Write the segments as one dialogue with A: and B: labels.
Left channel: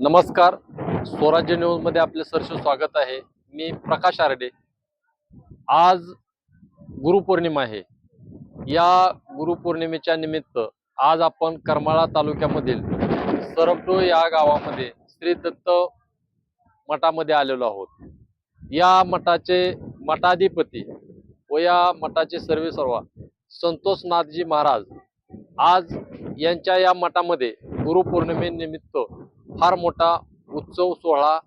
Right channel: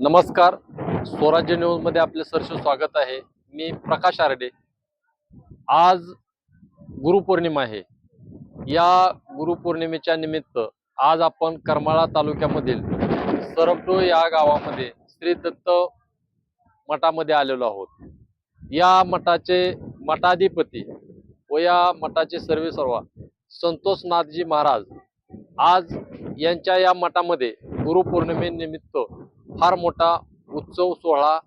A: नमस्कार. स्वराज्य न्यूजमध्ये आपले सरसे स्वागत आहे. मी प्रकाश आरडे. आज गुरुपौर्णिमा आहे. या गुरुपौर्णिमेच्या निमित्त आज आपण करमाळा तालुक्यामधील सरपडो या गावामध्ये श्री दत्त मठामध्ये आलेलो आहोत. या मठाचे मठाधिपती व या मठाचे सर्वे सर्वा संतोषनाथजी महाराज आज यांच्या या मठामध्ये गुरुपौर्णिमेनिमित्त फार मोठा उत्सव सोहळा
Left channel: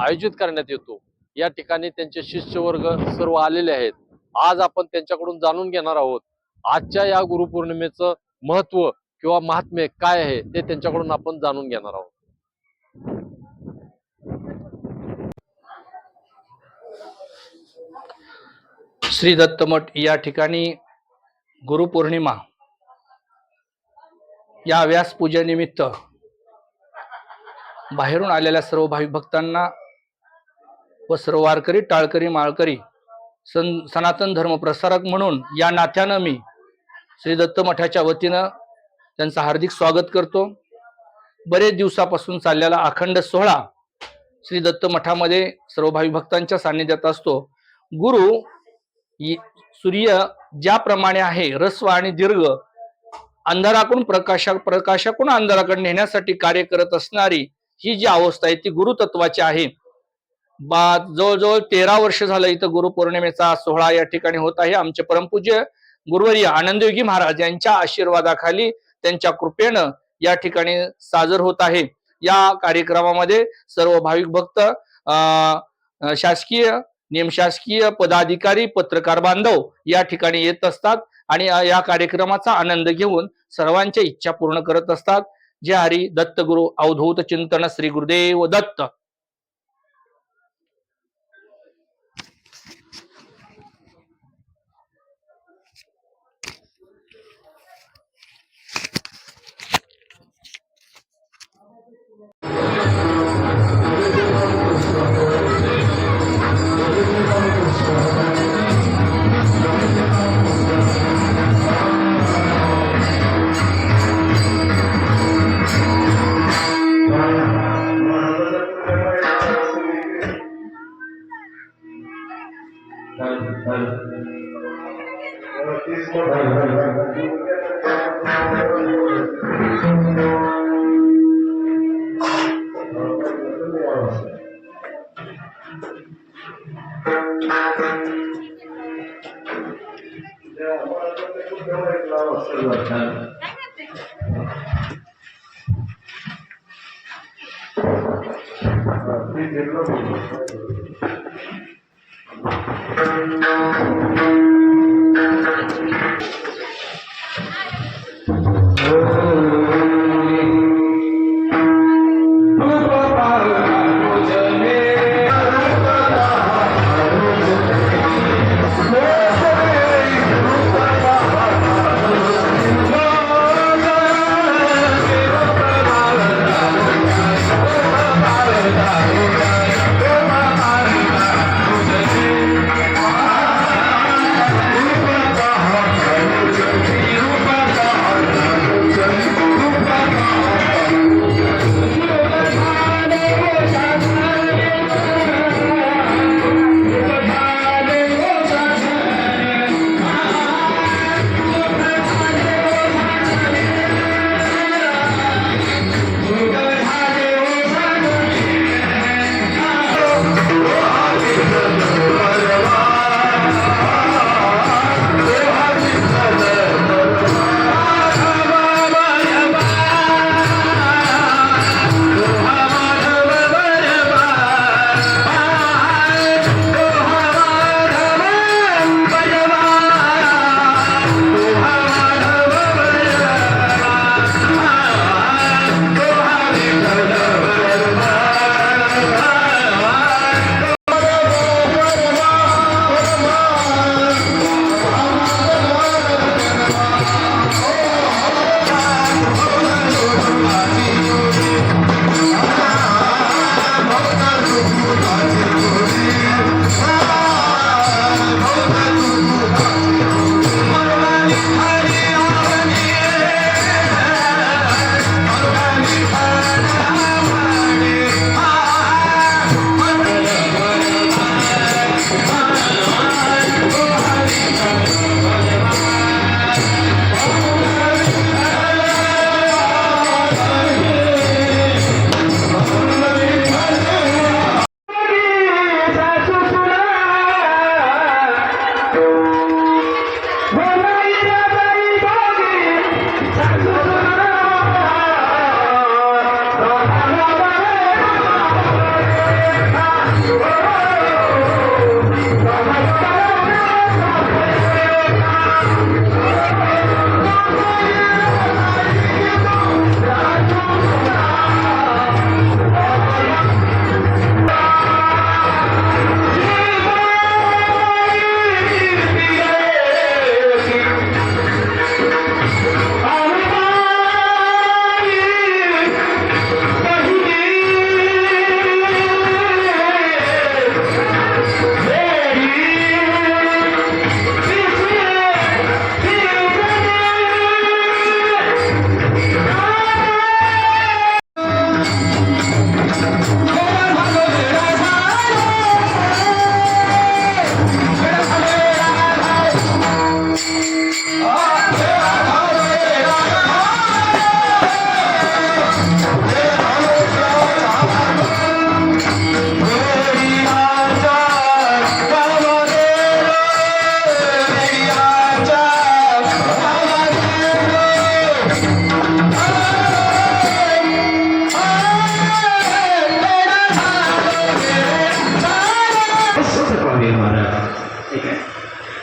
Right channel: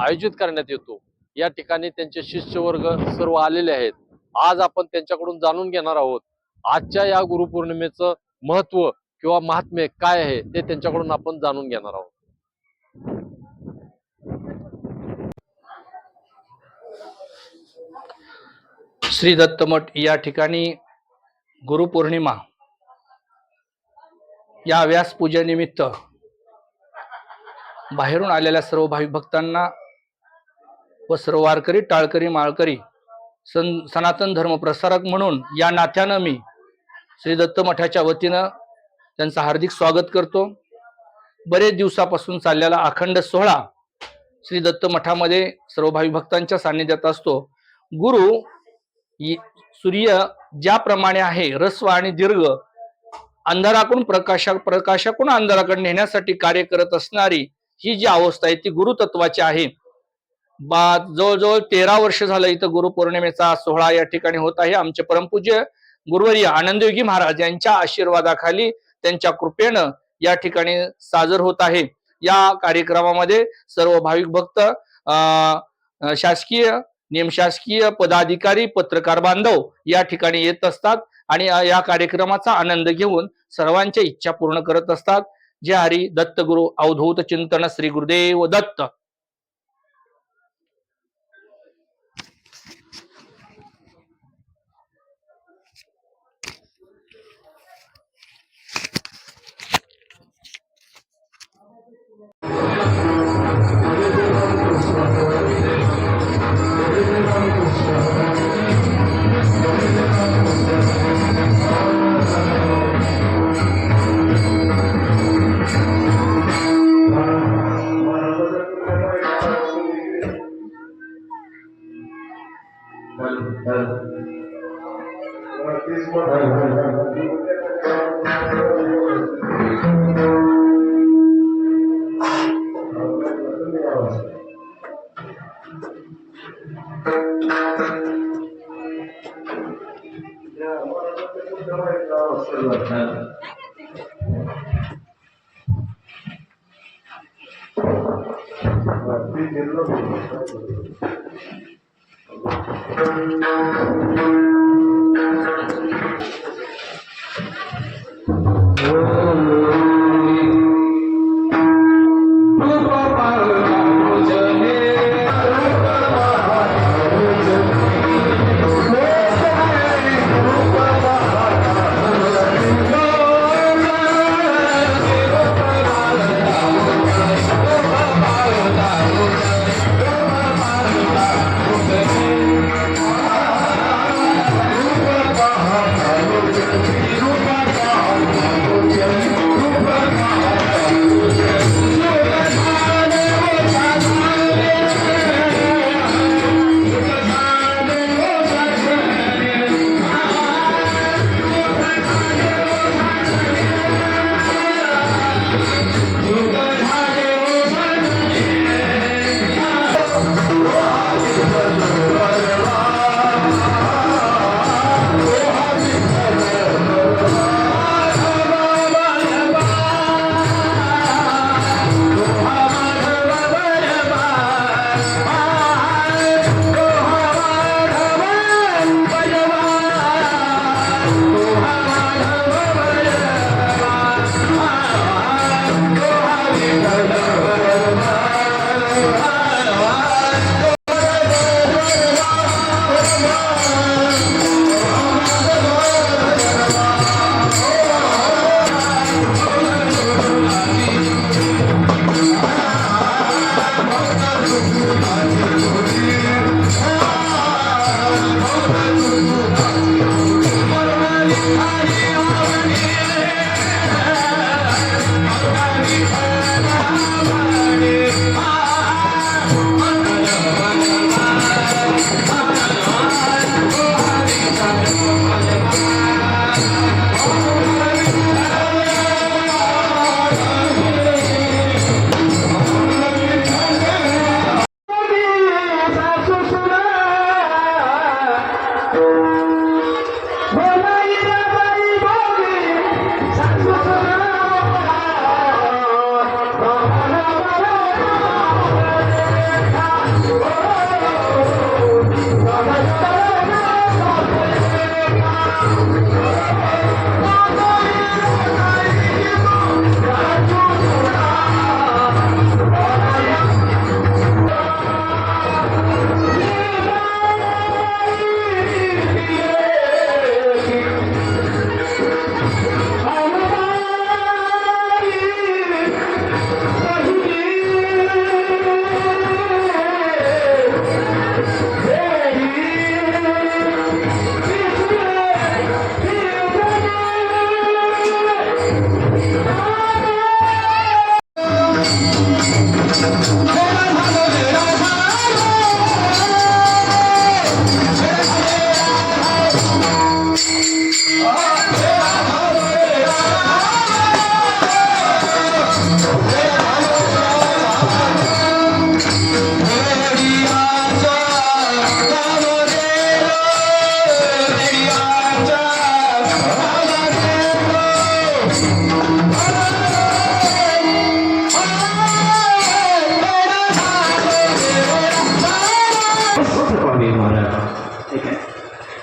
A: आयोजित करण्यात येतो. या ठिकाणी त्यांचे शिष्यवर्ग सर्व आलेले आहेत. आज आपण त्यांच्याकडून जाणून घेणार आहोत आजच्या या गुरुपौर्णिमेचं महत्त्व किंवा महात्म्य काय आहे ते त्यांच्याकडून आपण जाणून घेणार आहोत.
B: श्री दत्तमठ या ठिकाणी गुरुपौर्णिमा या व्यास पूजेनिमित्त बाहेरून आलेल्या सर्व भाविक भक्तांना व सर्व वारकरी टाळकरी माळकरी सन सनातन धर्म प्रसारक म्हणून या नात्यानं मी श्री दत्त मठाच्या वतीनं त्यांचं हार्दिक स्वागत करतो. बरेच दिवसापासून चाललेला अखंड सोहळा श्री दत्त मठामध्ये सर्व भाविक भक्तांच्या सान्निध्यात असतो. गुरु सूर्य ज्याप्रमाणे आहे रस्व आणि दीर्घ अंधाराकडून प्रकाशा प्रकाशाकडून अंधाराकडे नेण्यासाठी कार्य करत असणारी ही जी अवस्था आहे ती गुरुतत्वाची आहे. बा जवळजवळ तेरा वर्ष झालं इथं गुरुपौर्णिमेचा सोहळा या ठिकाणी होत आहे. आमचे परमपूज्य गुरुवर्य आनंदयोगी महाराज यांच्या आशीर्वादाखाली त्यांच्या कृपेनं या ठिकाणी साजर होत आहे. या कार्यक्रमामध्ये सर्व भाविक भक्त अं, शासकीय निमशासकीय पदाधिकारी पत्रकार बांधव या ठिकाणी येत असतात आणि या कार्यक्रमाचा आनंद घेऊन सर्वांच्या इच्छा पूर्ण करत असतात. जे हरी दत्त गुरु अवधूत चिंतन श्री गुरुदेव दत्त। Glória!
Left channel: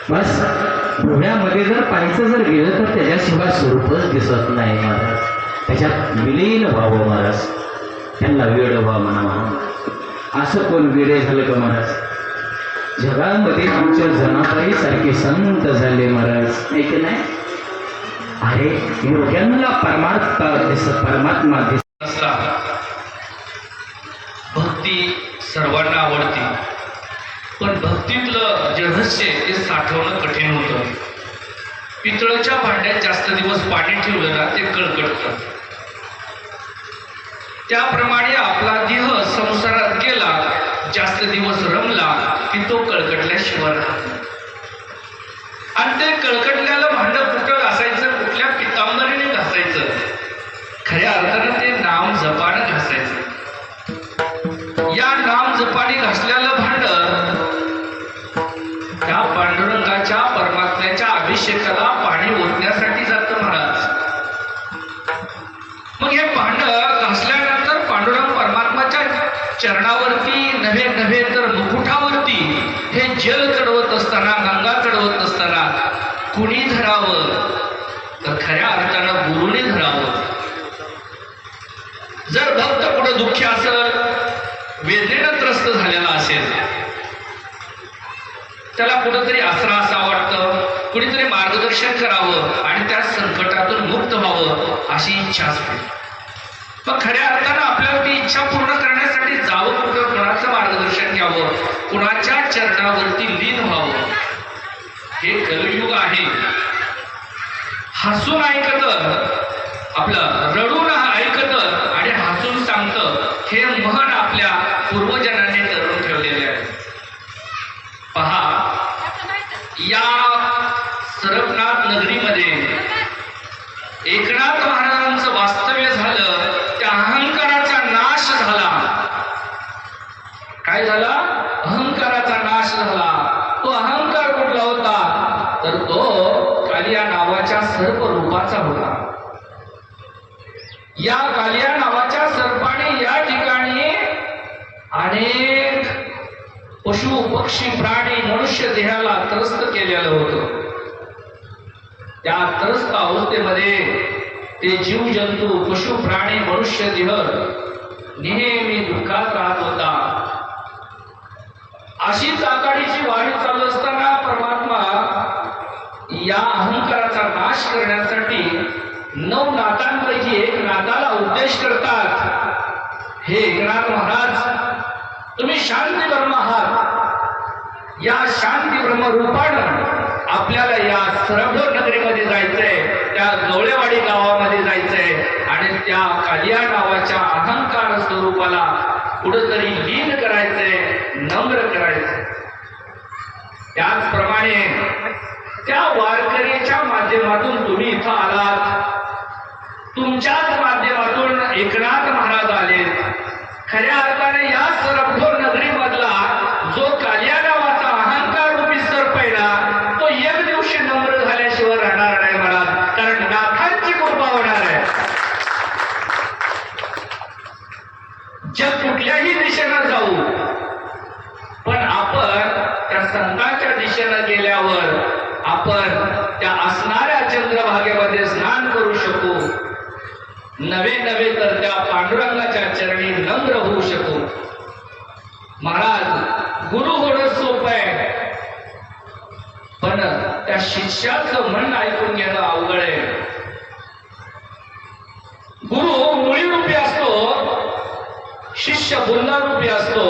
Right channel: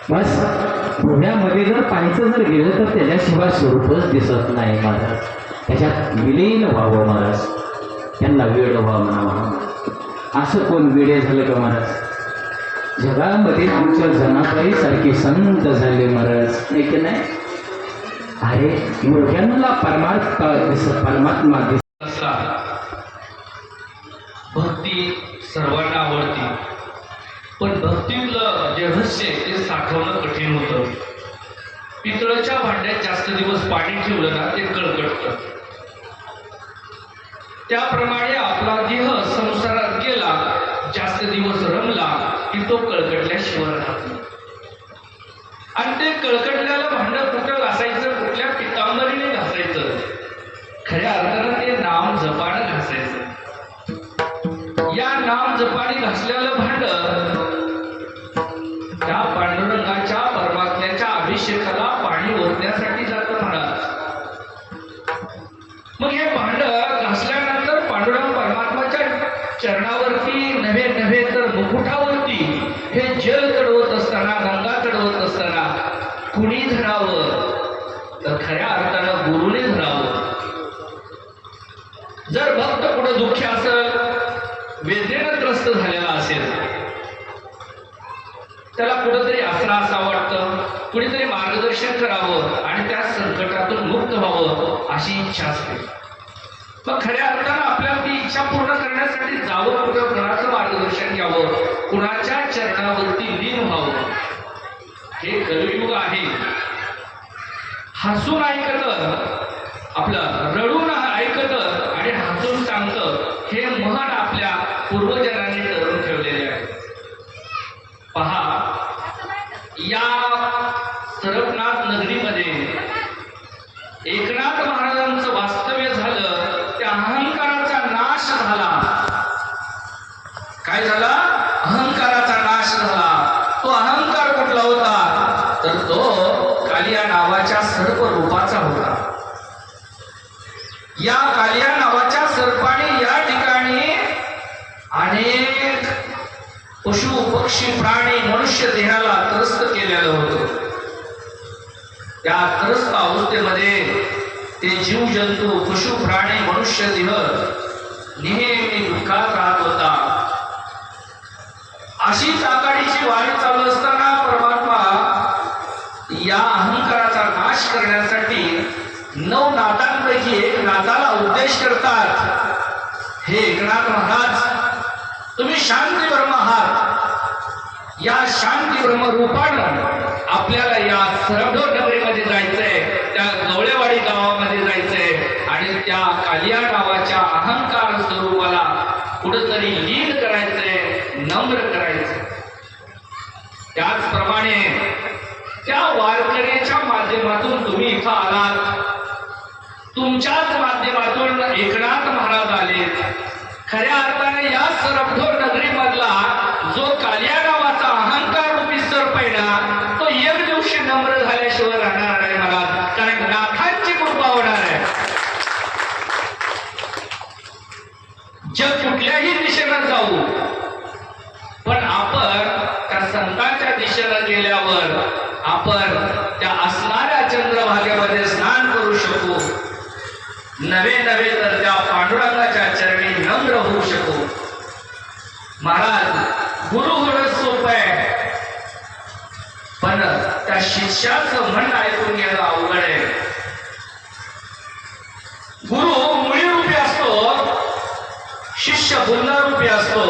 C: बस पुण्यामध्ये जर पाहायचं जर गेलं तर त्याच्याशिवाय स्वरूपच दिसत नाही महाराज. त्याच्यात विलीन व्हावं महाराज. त्यांना वेळ व्हा म्हणावा. असं कोण वेळे झालं का महाराज? जगामध्ये आमच्या जनाबाई सारखे संत झाले महाराज नाही की नाही? अरे योग्यांना परमार्थ दिस परमात्मा
B: दिसला भक्ती सर्वांना आवडते. पण भक्तीतलं जे रहस्य ते साठवणं कठीण होतं. पितळच्या भांड्यात जास्त दिवस पाणी ठेवलं ना ते कळकळतं त्याप्रमाणे आपला देह संसारात गेला जास्त दिवस रमला की तो कळकटल्याशिवाय राहतो आणि ते कळकटल्याला भांड कुठं घासायचं कुठल्या पितांबरीने घासायचं? खऱ्या अर्थानं ते नाम जपानं घासायचं. या नाम जपाने घासलेलं खऱ्या अर्थानं गुरुने धरावं जर भक्त कुठं दुःखी असेल वेदनेनं त्रस्त झालेला असेल त्याला कुठंतरी आसरा असा वाटतं कुणीतरी मार्गदर्शन करावं आणि त्या संकटातून मुक्त व्हावं अशी इच्छा असते. मग खऱ्या अर्थानं आपल्याला ती इच्छा पूर्ण करण्यासाठी जावं कुठं कुणाचं मार्गदर्शन घ्यावं कुणाच्या चरणावरती लीन व्हावं हे हसून ऐकत आपलं रडून ऐकत आणि हसून सांगतं हे म्हण आपल्या पूर्वजनांनी करून ठेवलेले आहे. पहा या सरपनाथ नगरीमध्ये एकनाथ महाराजांचं वास्तव्य झालं त्या अहंकाराचा नाश झाला काय झाला अहंकाराचा नाश झाला तो अहंकार कुठला होता तर तो कालिया नावाच्या सर्प रूपाचा होता या कालिया नावाच्या सर्पाने या ठिकाणी अनेक पशु पक्षी प्राणी मनुष्य देहाला त्रस्त केलेलं होतं त्या त्रस्त अवस्थेमध्ये ते जीव जंतू पशु प्राणी मनुष्य देह नेहमी दुःखात राहत होता. अशीच आघाडीची वारी चालू असताना परमात्मा या अहंकाराचा नाश करण्यासाठी नऊ नादांपैकी एक नादाला उद्देश करतात. हे एकनाथ महाराज तुम्ही शांती ब्रह्म आहात. या शांती ब्रह्म रूपानं आपल्याला या सरभोर नगरीमध्ये जायचंय त्या गवळेवाडी गावामध्ये जायचंय आणि त्या कालिया नावाच्या अहंकार स्वरूपाला कुठंतरी लीन करायचंय नम्र करायचंय त्याचप्रमाणे त्या वारकऱ्याच्या माध्यमातून तुम्ही इथं आलात तुमच्याच माध्यमातून एकनाथ महाराज आले. खऱ्या अर्थाने या सरभोर नगरीमधला जो कालिया नावाचा अहंकार रूपी सर्प आहे ना तो एक दिवशी नम्र झाल्याशिवाय राहणार नाही मला कारण नाथांची कृपा होणार आहे जग कुठल्याही दिशेनं जाऊ पण आपण त्या संतांच्या दिशेनं गेल्यावर आपण त्या असणाऱ्या चंद्रभागेमध्ये स्नान करू शकू नवे नवे तर त्या पांडुरंगाच्या चरणी नम्र होऊ शकू महाराज गुरु होणं सोपं आहे पण त्या शिष्याचं म्हणणं ऐकून घेणं अवघड आहे. गुरु मुळी रूपी असतो शिष्य बुंदा रूपी असतो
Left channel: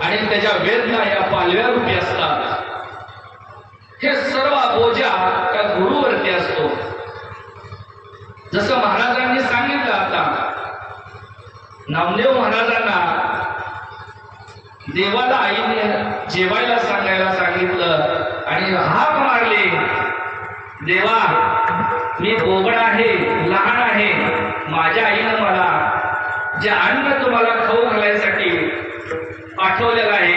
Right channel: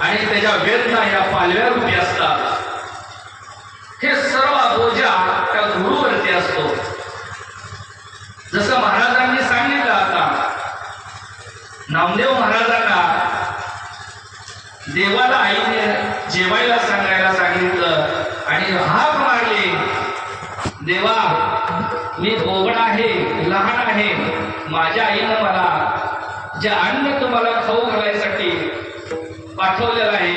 B: आणि त्याच्या वेदना या पालव्या रूपी असतात. हे सर्व बोजा त्या गुरुवरती असतो. जसं महाराजांनी सांगितलं आता नामदेव महाराजांना देवाला आईने जेवायला सांगायला सांगितलं आणि हा देवा मी बोगड आहे लहान आहे माझ्या आईनं मला जे अन्न तुम्हाला खाऊ घालायसाठी पाठवलेलं आहे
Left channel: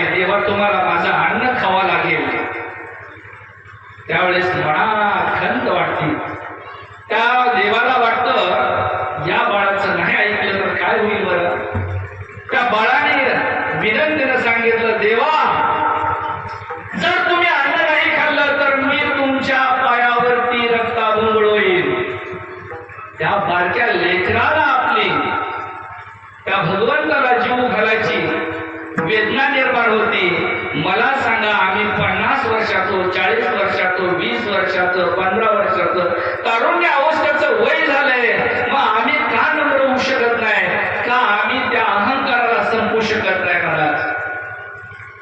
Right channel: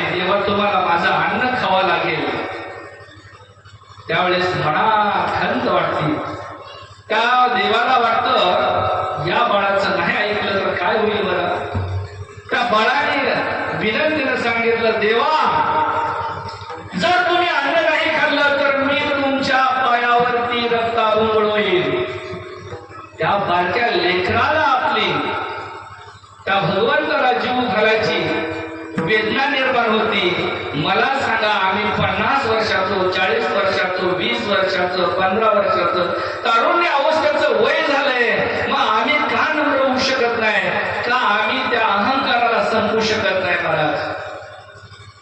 B: आम्ही त्या अहंकाराला संपू शकत नाही महाराज.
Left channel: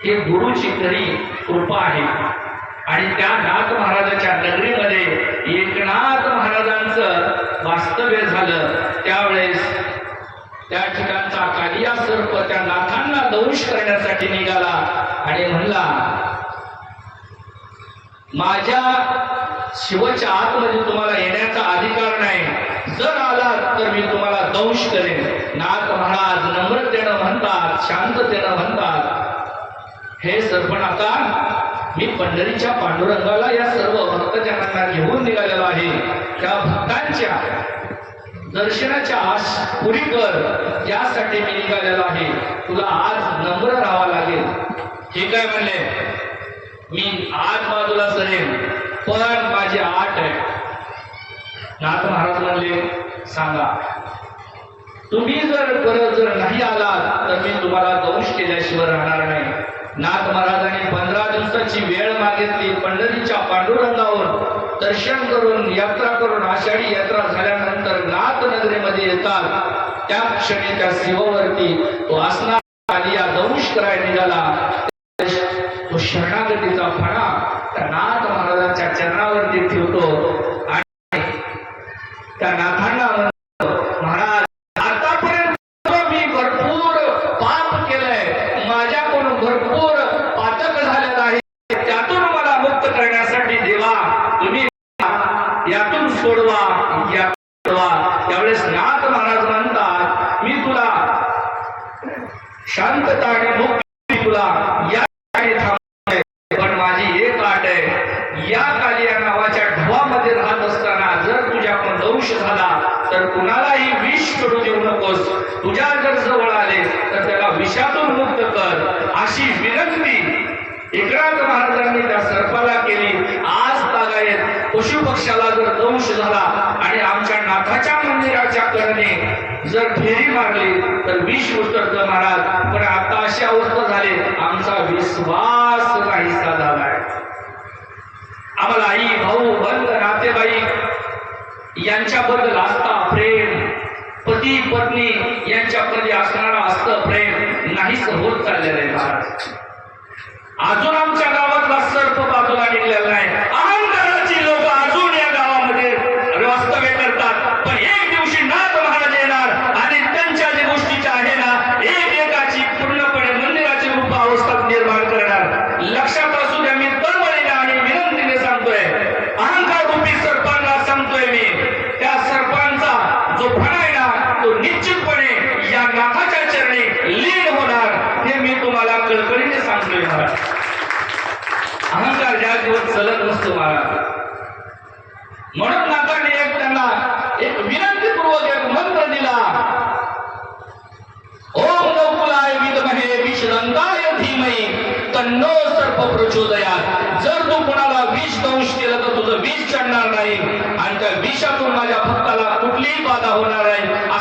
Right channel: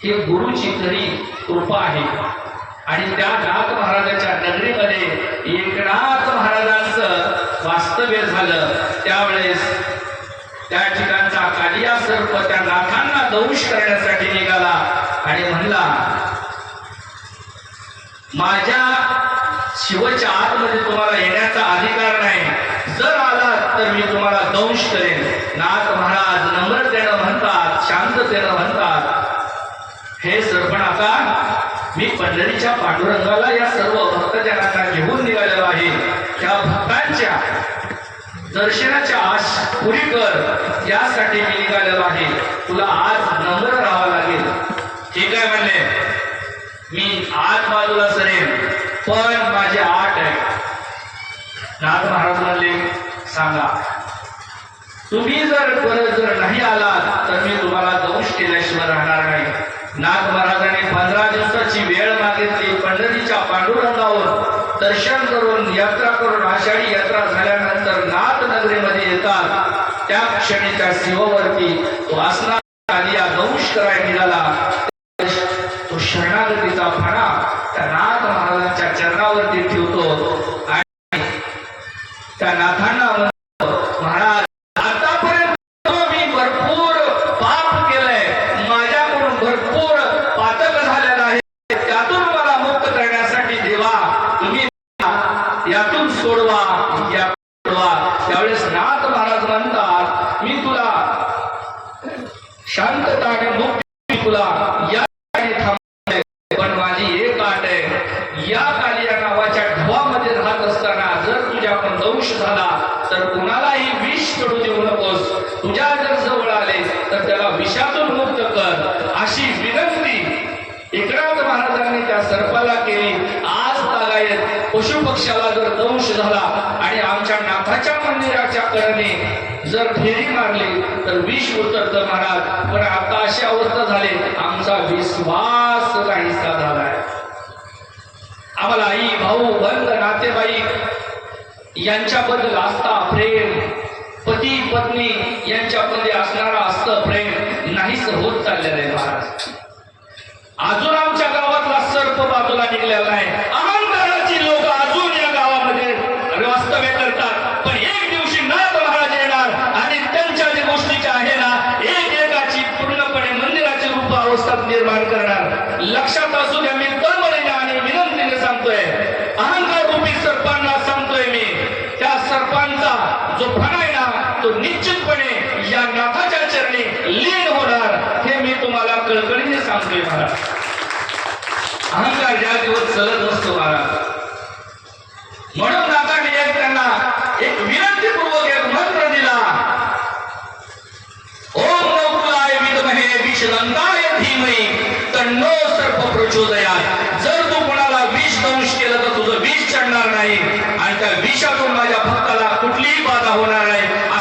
B: हे गुरुची खरी कृपा आहे. आणि त्या नाथ महाराजाच्या नगरीमध्ये एकनाथ महाराजांचं वास्तव्य झालं. त्यावेळेस त्या ठिकाणचा कालिया सर्प त्या नाथांना दंश करण्यासाठी निघाला आणि म्हणला माझ्या शिवच्या आतमध्ये तुम्हाला येण्याचा अधिकार जर आलात तर मी तुम्हाला दंश करेन. नाथ महाराज देणं म्हणतात शांत देणं म्हणतात हे सरपणाचा मी पंढरीच्या पांडुरंगाला या सर्व भक्तजनांना घेऊन निघालेलो आहे. त्या भक्तांच्या दर्शनाच्या आश पुरी कर. यासाठी मी निघालेलो आहे. तुला आज नम्र राहावा लागेल. ठीक आहे म्हणले. मी आठ बाजूला सरेन पण माझे आठ आहे नाथ महाराज म्हणले सांगा तुम्ही जर परत जर नाही आलात तर मी तुम्हाला दंश केल्याशिवाय राहणार नाही. नाथ महाराजांनी पंधरा दिवसाची वेळ मागितली पंढरीच्या पांडुरंगावर दर्शन करून यात्रा करून आषाढी यात्रा झाल्यानंतर नाथ नगरीमध्ये येतात. त्या क्षणी त्या शिववरती तो असणार त्या नाथांना म्हणतो, महाराज आतापर्यंत मी भरपूर पाप केलंय माझ्याकडून भरपूर पातक झालेलं आहे त्यातून मला मुक्त करण्यासाठी देवा तुम्ही मला यातून सोडवा यातून सोडवा त्यावेळेस नाथ महाराज म्हणतात मी तुला शांतता आणि मुक्ती तुला या ठिकाणी थांबवलंय. पण माझी एक आट आहे या कालिया नावाच्या ढवामध्ये राहत असताना जर तुझ्याकडून दंश झाला तर कुणालाही विष पडू देऊ नकोस तुझ्या जर जवळ आले तर त्याला विषातून मुक्त कर अशी आणि त्या विषातून माझ्या भक्ताला कुठलीही बाधा होणार आहे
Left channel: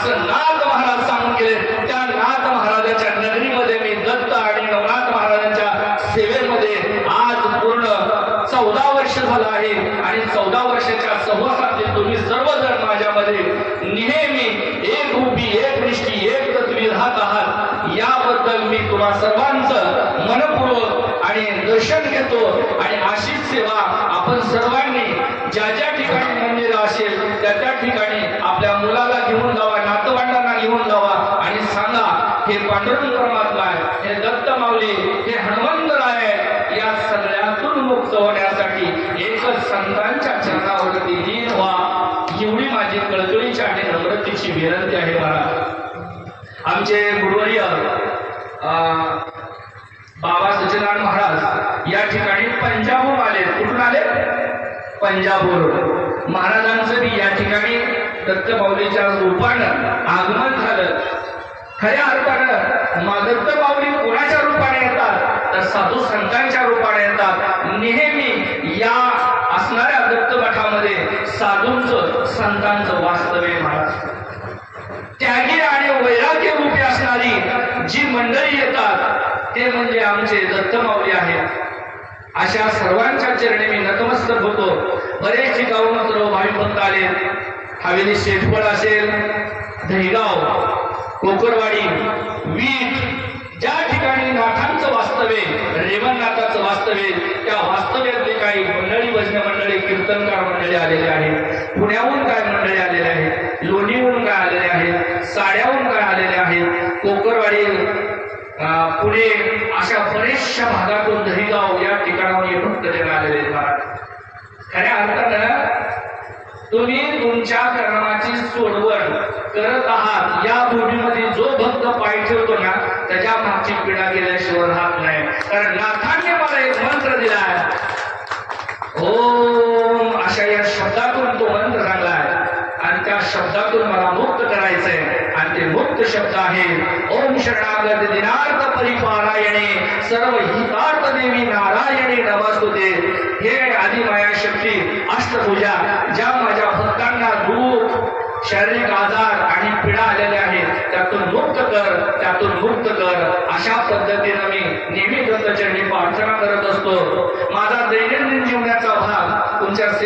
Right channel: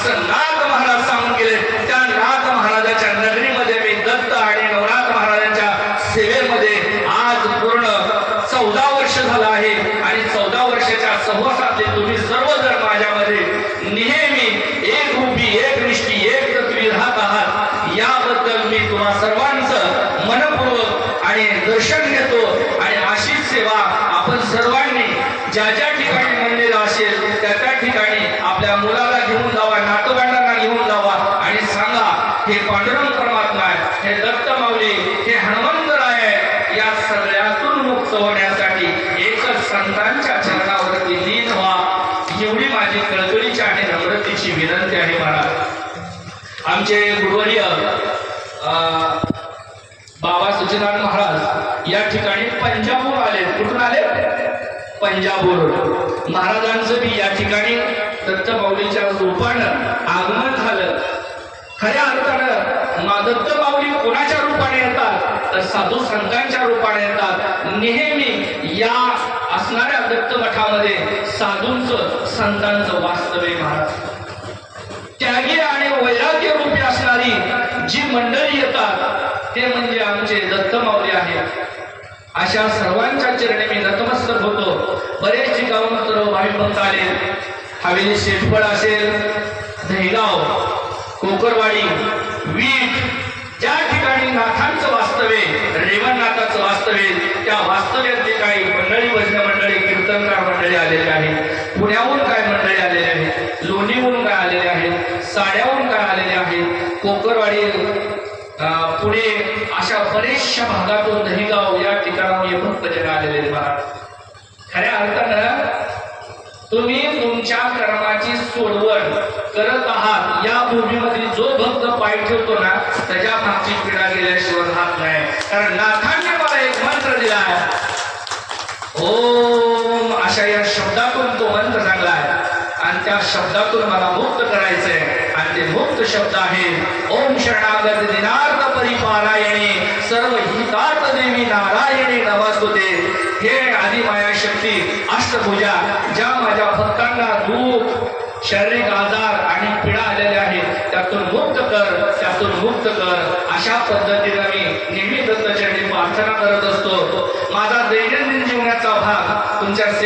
B: बोलवलं. महाराजांचं बी या ठिकाणी दत्त माऊलीच्या रूपानं आगमन झालं. खऱ्या अर्थानं मा दत्त माऊली कोणाच्या रूपाने येतात? तर साधू संतांच्या रूपाने येतात. नेहमी या असणाऱ्या दत्त मठामध्ये साधूंचं संतांचं वास्तव्य महाराज. त्यागी आणि वैराग्य रूपी असणारी जी मंडळी येतात ते म्हणजे आमचे दत्तमाऊली आहेत. अशा सर्वांच्या चरणी मी नतमस्तक होतो. बरेच ठिकाणून मात्र भाविक भक्त आले. हवेली शेफळ असेल धैगाव कोकरवाडी वीट ज्या ठिकाणी नाथांचं वास्तव्य रेवणनाथाचं वास्तव्य त्या वास्तव्यातले काही मंडळी भजन मंडळी कीर्तनकार मंडळी आलेले आहेत. पुण्याहून करत आहात. या भूमीमध्ये जो भक्त पाय ठेवतो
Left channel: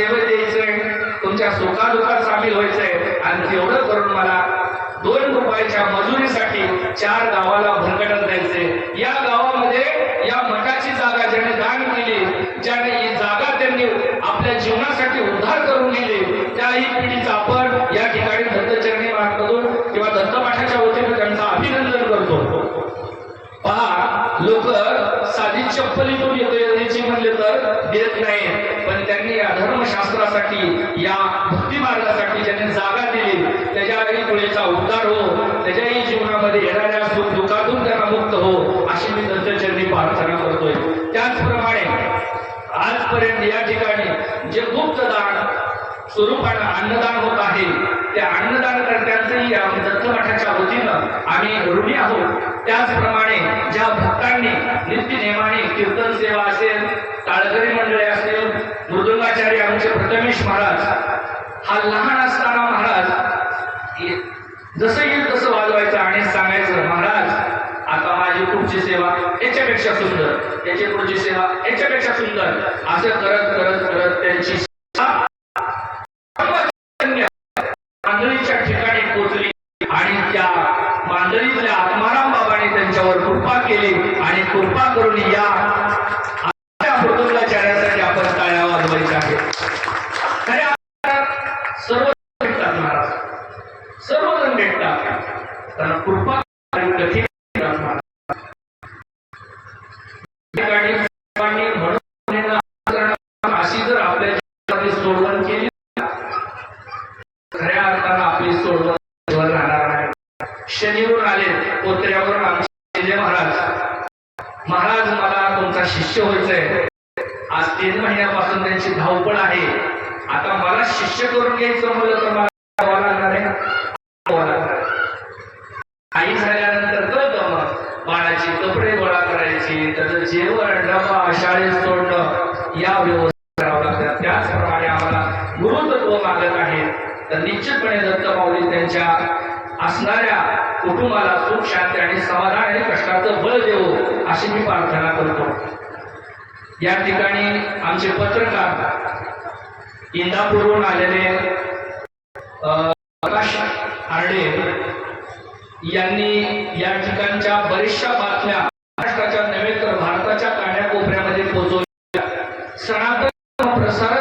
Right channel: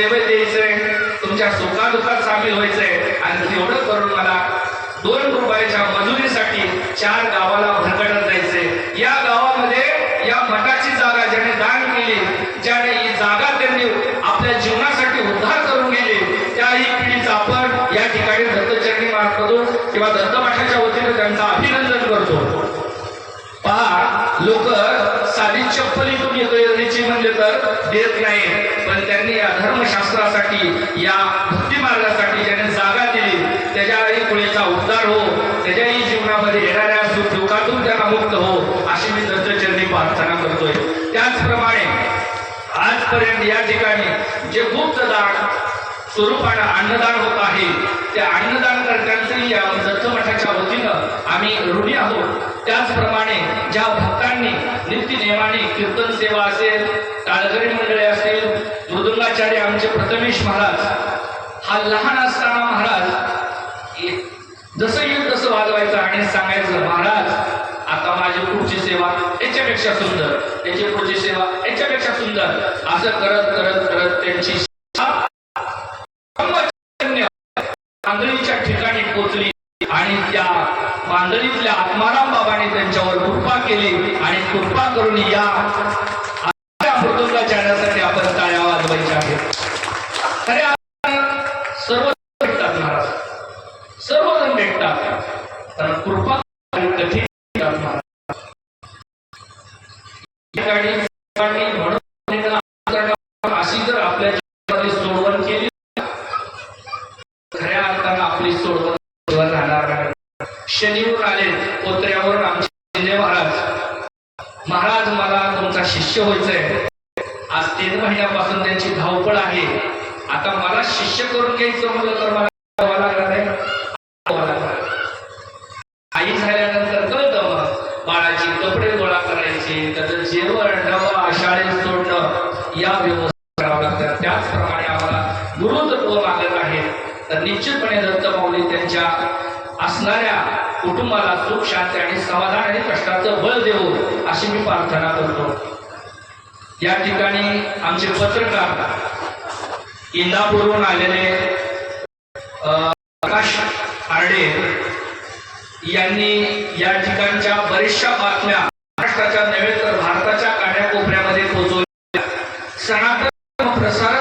B: सेवेत यायचंय तुमच्या सुखादुखात सामील व्हायचंय. आणि तेवढंच अन्नदान होत आहे. त्या अन्नदान करण्याचंही या दत्तमठाच्या वतीनं आम्ही ऋणी आहोत. त्याचप्रमाणे ज्या भक्तांनी नित्यनेमाने कीर्तन सेवा आत्माराम बाबाने त्यांच्यावर कृपा केली आणि कृपा करून या या ठिकाणी आमचे पत्रकार इंदापूरहून आलेले प्रकाश आर्डे यांनी या ठिकाणच्या बरेचशा बातम्या महाराष्ट्राच्या नव्हे तर भारताच्या काड्याकोपऱ्यामध्ये पोहोचवल्या. सनातन प्रसार